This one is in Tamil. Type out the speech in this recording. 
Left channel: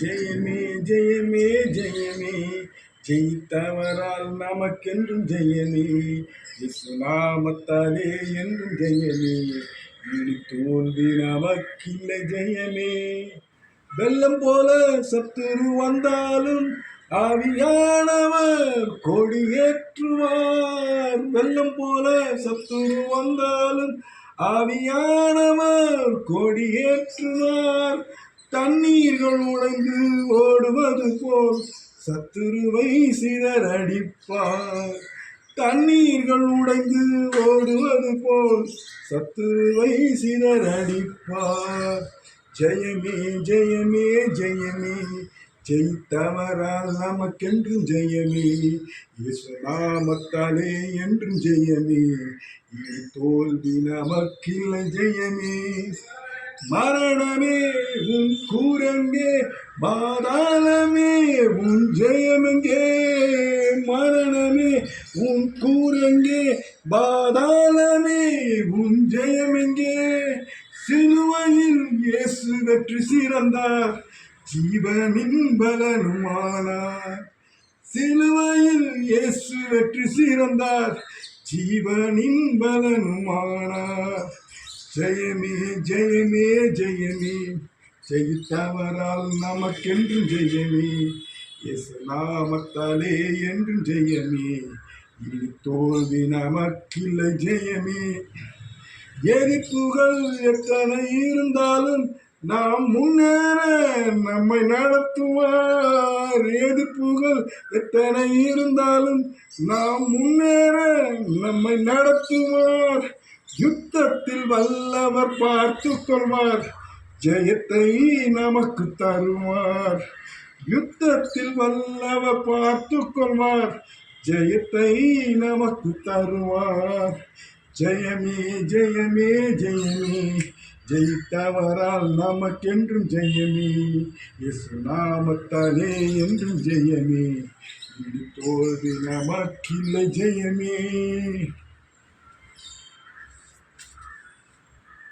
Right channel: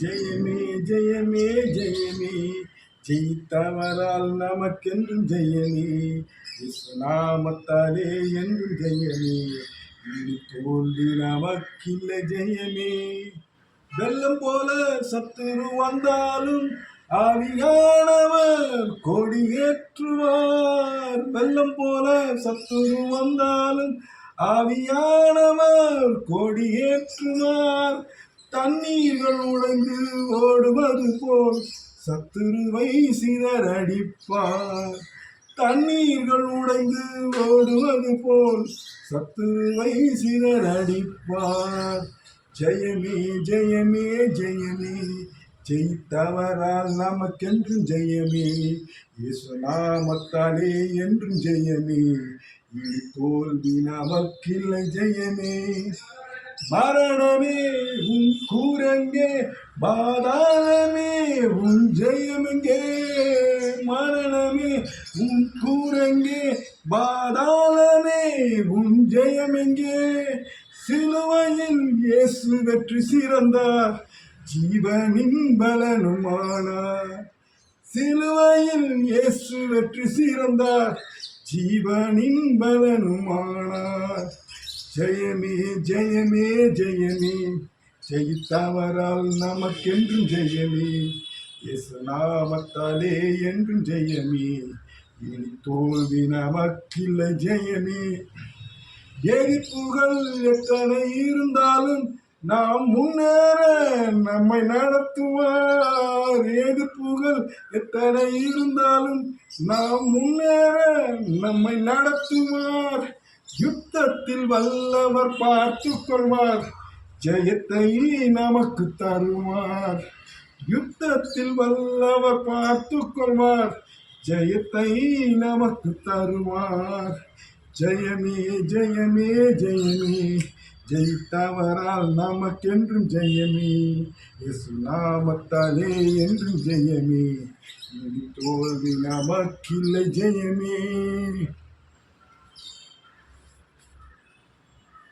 ஜெயமே ஜெயமே ஜெயமே, ஜெயித்தவரால் நமக்கென்றும் ஜெயமே, இயேசுநாமத்தாலே என்றும் ஜெயமே, இனி தோல்வி நமக்கில்லை ஜெயமே. வெள்ளம் போல சத்துரு வந்தாலும் ஆவியானவர் கொடியேற்றுவார். வெள்ளம் போல சத்துரு வந்தாலும் ஆவியானவர் கொடியேற்றுவார். தண்ணீர்கள் உடைந்து ஓடுவது போல் சத்துருவை சிதறடிப்பார். தண்ணீர்கள் உடைந்து ஓடுவது போல் சத்துருவை சிதறடிப்பார். ஜெயமே ஜெயமே ஜெயமே, ஜெயித்தவரால் நமக்கென்றும் ஜெயமே, இயேசுநாமத்தாலே என்றும் ஜெயமே, இனி தோல்வி நமக்கில்லை ஜெயமே. மரணமே உன் கூரங்கே, பாதாளமே உன் ஜெயமெங்கே. மரணமே உன் கூரங்கே, பாதாளமே உன் ஜெயமெங்கே. சிலுவையில் இயேசு வெற்றி சிறந்தார், ஜீவனின் பலனுமானார். சிலுவையில் இயேசு வெற்றி சிறந்தார், ஜீவனின் பலனுமானார். ஜெயமே ஜெயமே ஜெயமே, ஜெயித்தவரால் நமக்கென்றும் ஜெயமே, இயேசுநாமத்தாலே என்றும் ஜெயமே, இனி தோல்வி நமக்கில்லை ஜெயமே. எரிப்புகள் எத்தனை இருந்தாலும் நாம் முன்னேற நம்மை நடத்துவார். எதிர்ப்புகள் எத்தனை இருந்தாலும் நாம் முன்னேற நம்மை நடத்துவார். யுத்தத்தில் வல்லவர் பார்த்து கொள்வார், ஜெயத்தை நமக்கு தருவார். யுத்தத்தில் வல்லவர் பார்த்து கொள்வார், ஜெயத்தை நமக்கு தருவார். ஜெயமே ஜெயமே ஜெயமே, ஜெயித்தவரால் நமக்கென்றும் ஜெயமே, இயேசுநாமத்தாலே என்றும் ஜெயமே, இனி தோல்வி நமக்கில்லை ஜெயமே.